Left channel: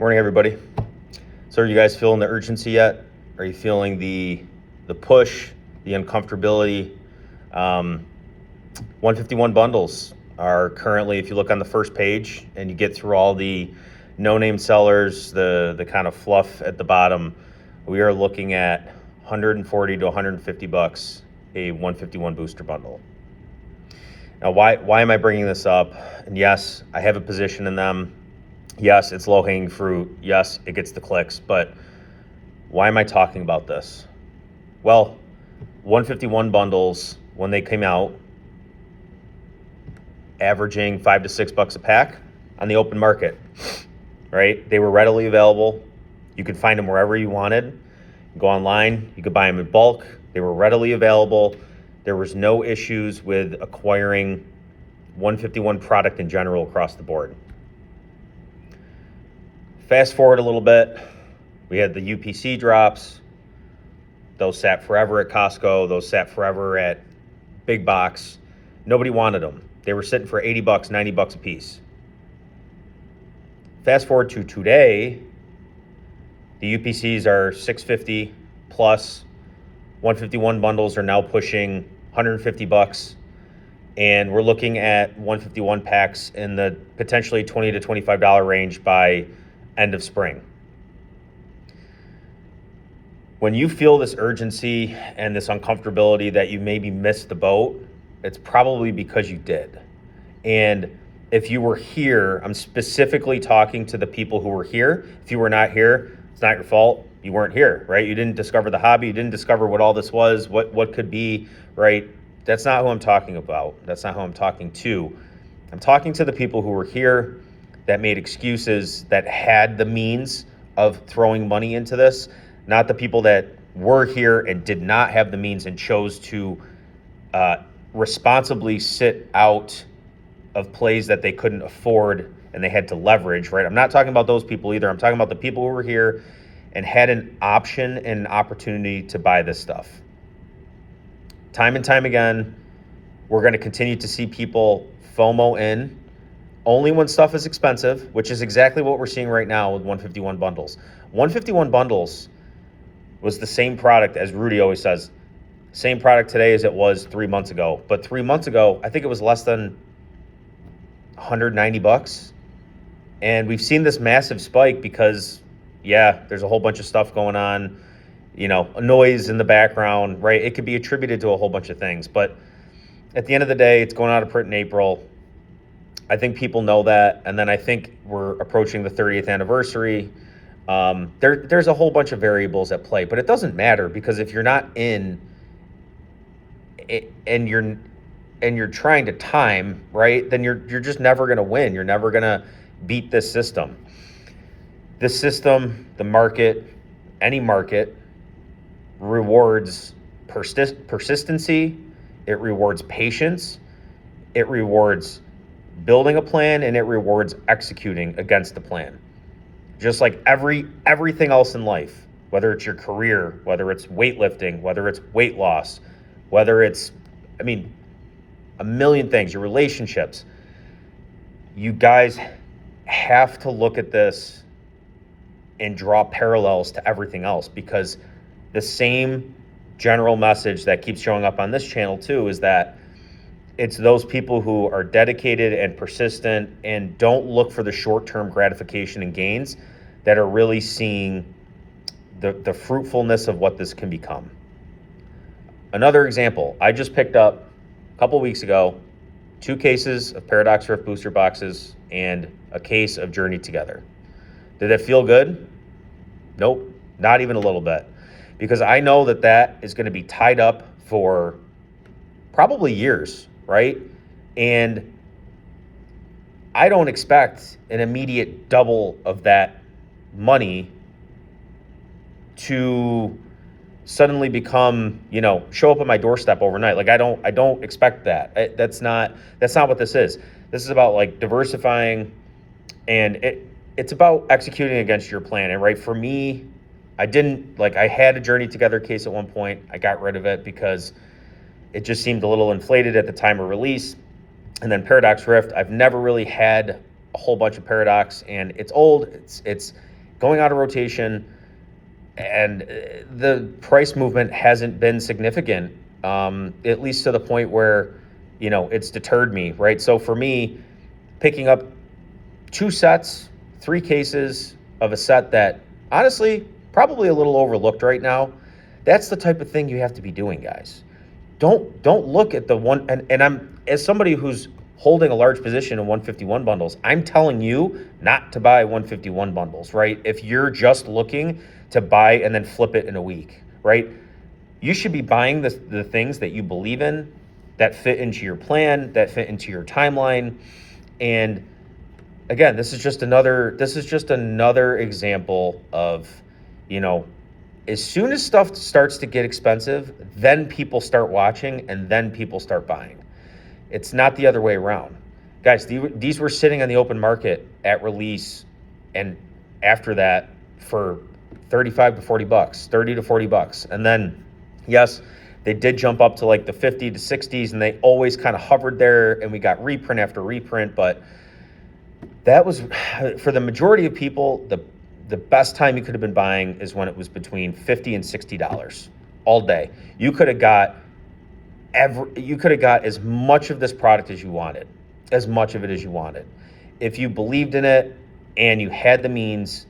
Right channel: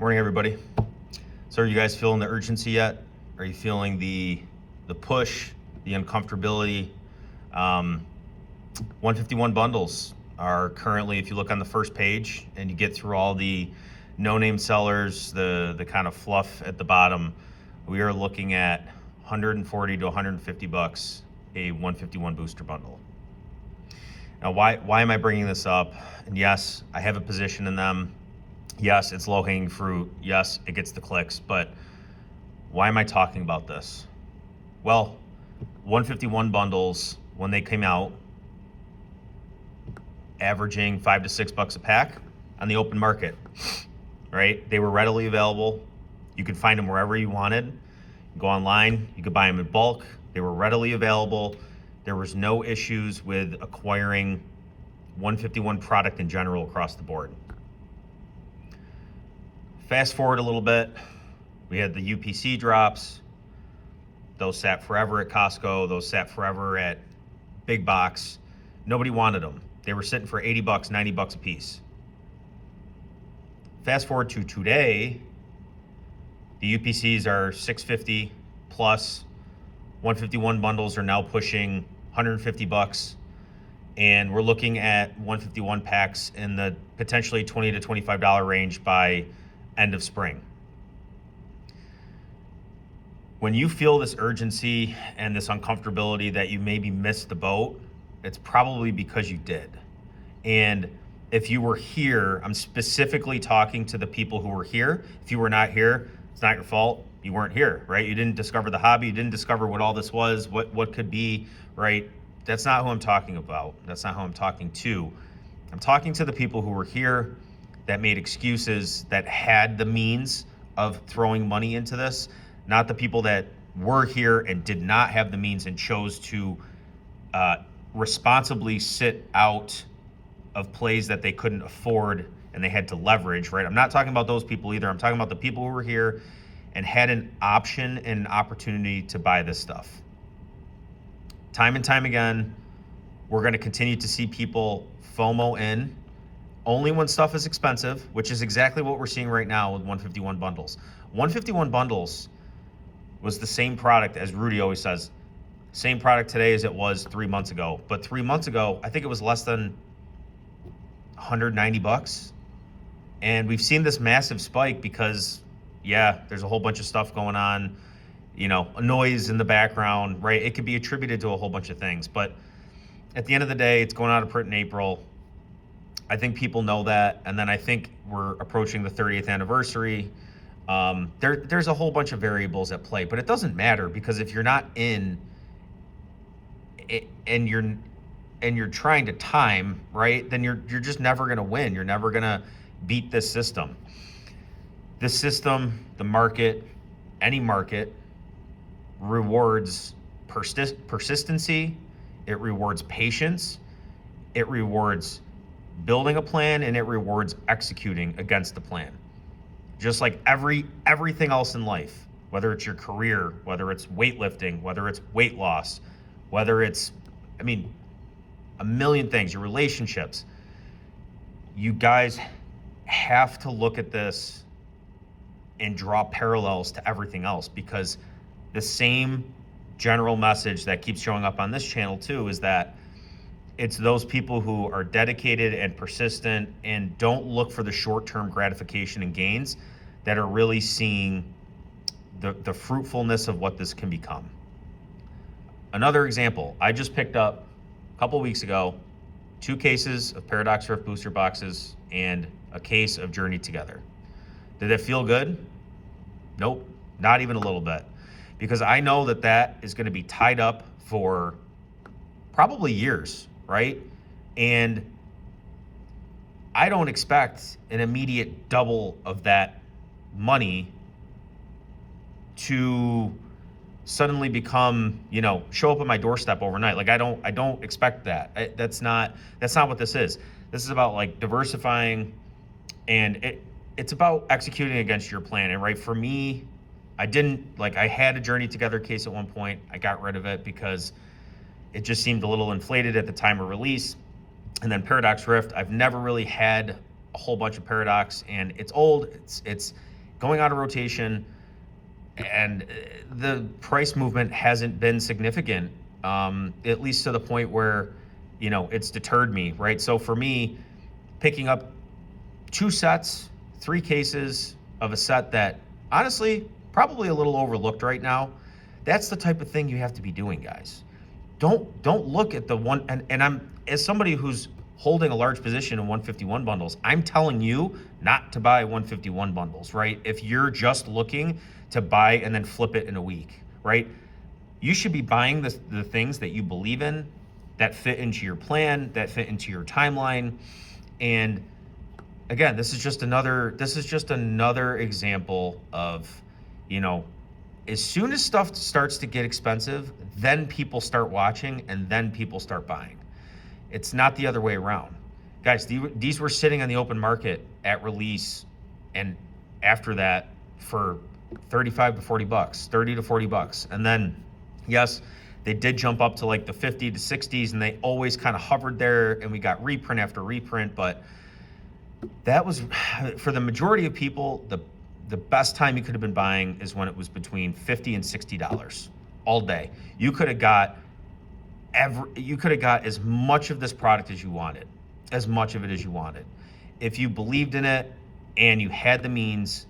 Morning, everybody. So are you guys feeling the urgency yet? Are you feeling the push, the uncomfortability? 151 bundles are currently, if you look on the first page and you get through all the no-name sellers, the kind of fluff at the bottom, we are looking at 140 to 150 bucks a 151 booster bundle. Now, why am I bringing this up? And yes, I have a position in them. Yes, it's low-hanging fruit. Yes, it gets the clicks. But why am I talking about this? Well, 151 bundles, when they came out, averaging $5 to $6 a pack on the open market, right? They were readily available. You could find them wherever you wanted. Go online. You could buy them in bulk. They were readily available. There was no issues with acquiring 151 product in general across the board. Fast forward a little bit, we had the UPC drops. Those sat forever at Costco. Those sat forever at big box. Nobody wanted them. They were sitting for 80 bucks, 90 bucks a piece. Fast forward to today, the UPCs are 650 plus. 151 bundles are now pushing 150 bucks. And we're looking at 151 packs in the potentially $20 to $25 range by end of spring. When you feel this urgency and this uncomfortability that you maybe missed the boat, it's probably because you did. And if you were here, I'm specifically talking to the people who were here. If you were not here, it's not your fault. You weren't here, right? You didn't discover the hobby. You didn't discover what all this was, what could be, right? That's not who I'm talking about. That's not who I'm talking to. I'm talking to the people who were here, that made excuses, that had the means of throwing money into this, not the people that were here and did not have the means and chose to responsibly sit out of plays that they couldn't afford and they had to leverage, right? I'm not talking about those people either. I'm talking about the people who were here and had an option and an opportunity to buy this stuff. Time and time again, we're going to continue to see people FOMO in only when stuff is expensive, which is exactly what we're seeing right now with 151 bundles. 151 bundles was the same product, as Rudy always says, same product today as it was 3 months ago. But 3 months ago, I think it was less than 190 bucks. And we've seen this massive spike because, yeah, there's a whole bunch of stuff going on, you know, noise in the background, right? It could be attributed to a whole bunch of things. But at the end of the day, it's going out of print in April. I think people know that. And then I think we're approaching the 30th anniversary. There's a whole bunch of variables at play, but it doesn't matter because if you're not in it and you're trying to time, right, then you're just never going to win. You're never going to beat this system. This system, the market, any market, rewards persistency. It rewards patience. It rewards building a plan, and it rewards executing against the plan. Just like everything else in life, whether it's your career, whether it's weightlifting, whether it's weight loss, whether it's, a million things, your relationships. You guys have to look at this and draw parallels to everything else, because the same general message that keeps showing up on this channel too is that it's those people who are dedicated and persistent and don't look for the short-term gratification and gains that are really seeing the fruitfulness of what this can become. Another example, I just picked up a couple weeks ago 2 cases of Paradox Rift booster boxes and a case of Journey Together. Did it feel good? Nope, not even a little bit. Because I know that is going to be tied up for probably years, right? And I don't expect an immediate double of that money to suddenly become, show up at my doorstep overnight. Like I don't expect that. That's not what this is. This is about like diversifying, and it's about executing against your plan. And right, for me, I had a Journey Together case at one point. I got rid of it because it just seemed a little inflated at the time of release. And then Paradox Rift, I've never really had a whole bunch of Paradox, and it's old. going out of rotation, and the price movement hasn't been significant, at least to the point where, it's deterred me, right? So for me, picking up 2 sets, 3 cases of a set that honestly probably a little overlooked right now, that's the type of thing you have to be doing, guys. Don't look at the one, and I'm, as somebody who's holding a large position in 151 bundles, I'm telling you not to buy 151 bundles, right? If you're just looking to buy and then flip it in a week, right? You should be buying the things that you believe in, that fit into your plan, that fit into your timeline. And again, this is just another example of, as soon as stuff starts to get expensive, then people start watching and then people start buying. It's not the other way around. Guys, these were sitting on the open market at release and after that for 35 to 40 bucks, 30 to 40 bucks. And then, yes, they did jump up to like the 50 to 60s, and they always kind of hovered there, and we got reprint after reprint. But that was, for the majority of people, the best time you could have been buying is when it was between $50 and $60 all day. You could have got as much of this product as you wanted, as much of it as you wanted. If you believed in it and you had the means,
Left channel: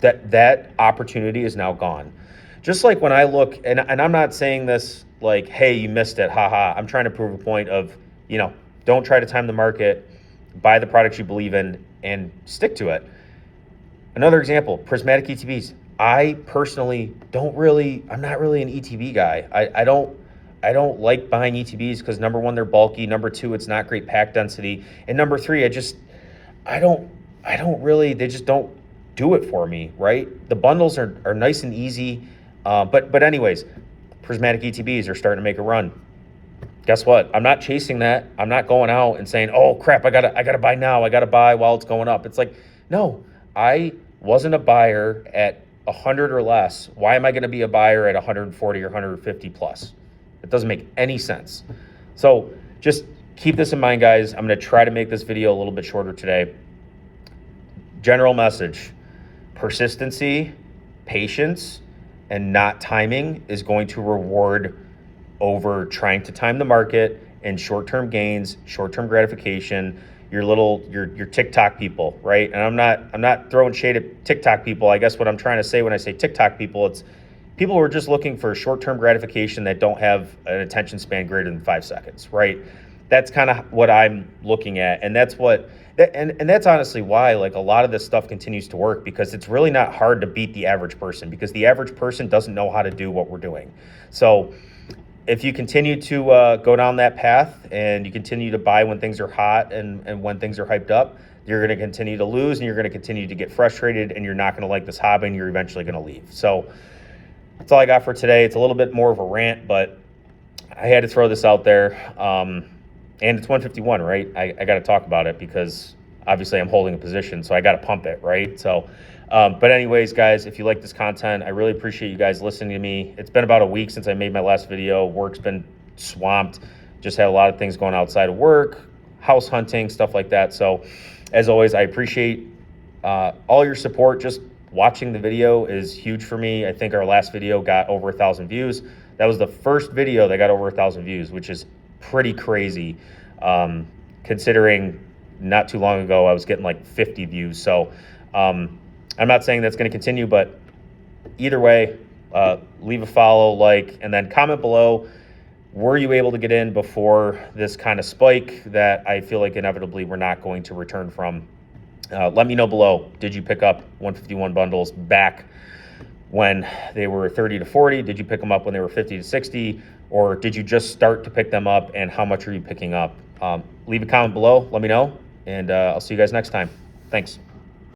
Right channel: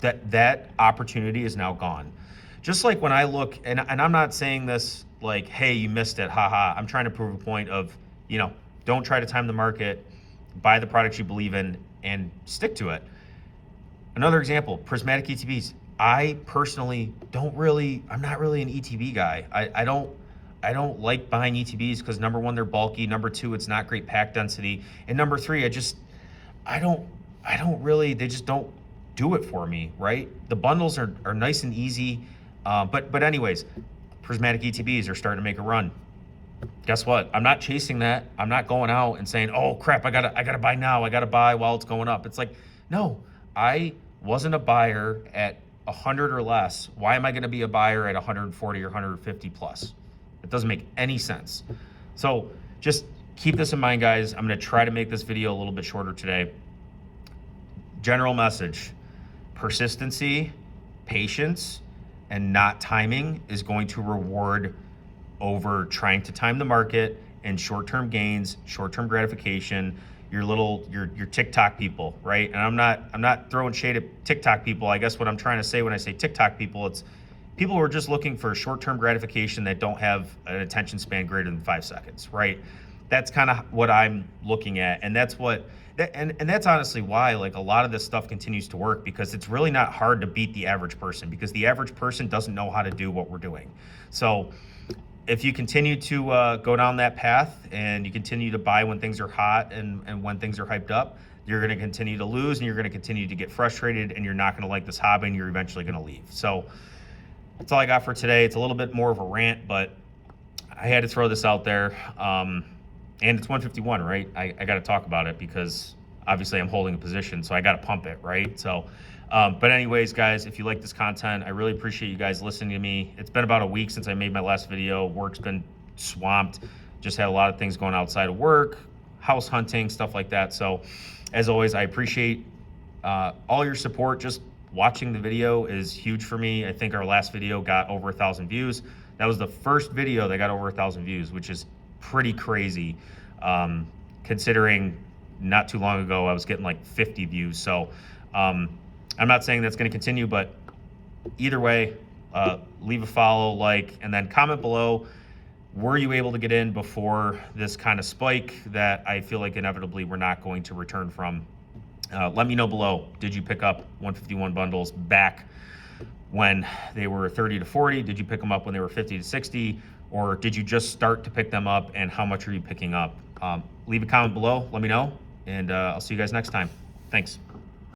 that opportunity is now gone. Just like when I look, and I'm not saying this like, hey, you missed it, haha. I'm trying to prove a point of, don't try to time the market, buy the products you believe in, and stick to it. Another example, prismatic ETBs. I personally I'm not really an ETB guy. I don't like buying ETBs because number one, they're bulky. Number two, it's not great pack density. And number three, they just don't do it for me, right? The bundles are nice and easy. But anyways, prismatic ETBs are starting to make a run. Guess what? I'm not chasing that. I'm not going out and saying, oh crap, I gotta buy now. I gotta buy while it's going up. It's like, no, I wasn't a buyer at 100 or less. Why am I going to be a buyer at 140 or 150 plus? It doesn't make any sense. So just keep this in mind, guys. I'm going to try to make this video a little bit shorter today. General message: persistency, patience, and not timing is going to reward over trying to time the market and short-term gains, short-term gratification. Your TikTok people, right? And I'm not throwing shade at TikTok people. I guess what I'm trying to say when I say TikTok people, it's people who are just looking for short-term gratification that don't have an attention span greater than 5 seconds, right? That's kind of what I'm looking at, and that's honestly why like a lot of this stuff continues to work, because it's really not hard to beat the average person, because the average person doesn't know how to do what we're doing. So if you continue to go down that path and you continue to buy when things are hot and when things are hyped up, you're going to continue to lose, and you're going to continue to get frustrated, and you're not going to like this hobby, and you're eventually going to leave. So that's all I got for today. It's a little bit more of a rant, but I had to throw this out there. And it's 151, right? I got to talk about it because obviously I'm holding a position, so I got to pump it, right? So, but anyways, guys, if you like this content, I really appreciate you guys listening to me. It's been about a week since I made my last video. Work's been swamped. Just had a lot of things going outside of work, house hunting, stuff like that. So as always, I appreciate all your support. Just watching the video is huge for me. I think our last video got over 1,000 views. That was the first video that got over 1,000 views, which is pretty crazy, considering not too long ago I was getting like 50 views. So I'm not saying that's going to continue, but either way, leave a follow, like, and then comment below, were you able to get in before this kind of spike that I feel like inevitably we're not going to return from? Let me know below. Did you pick up 151 bundles back when they were 30 to 40? Did you pick them up when they were 50 to 60? Or did you just start to pick them up, and how much are you picking up? Leave a comment below, let me know, and I'll see you guys next time. Thanks.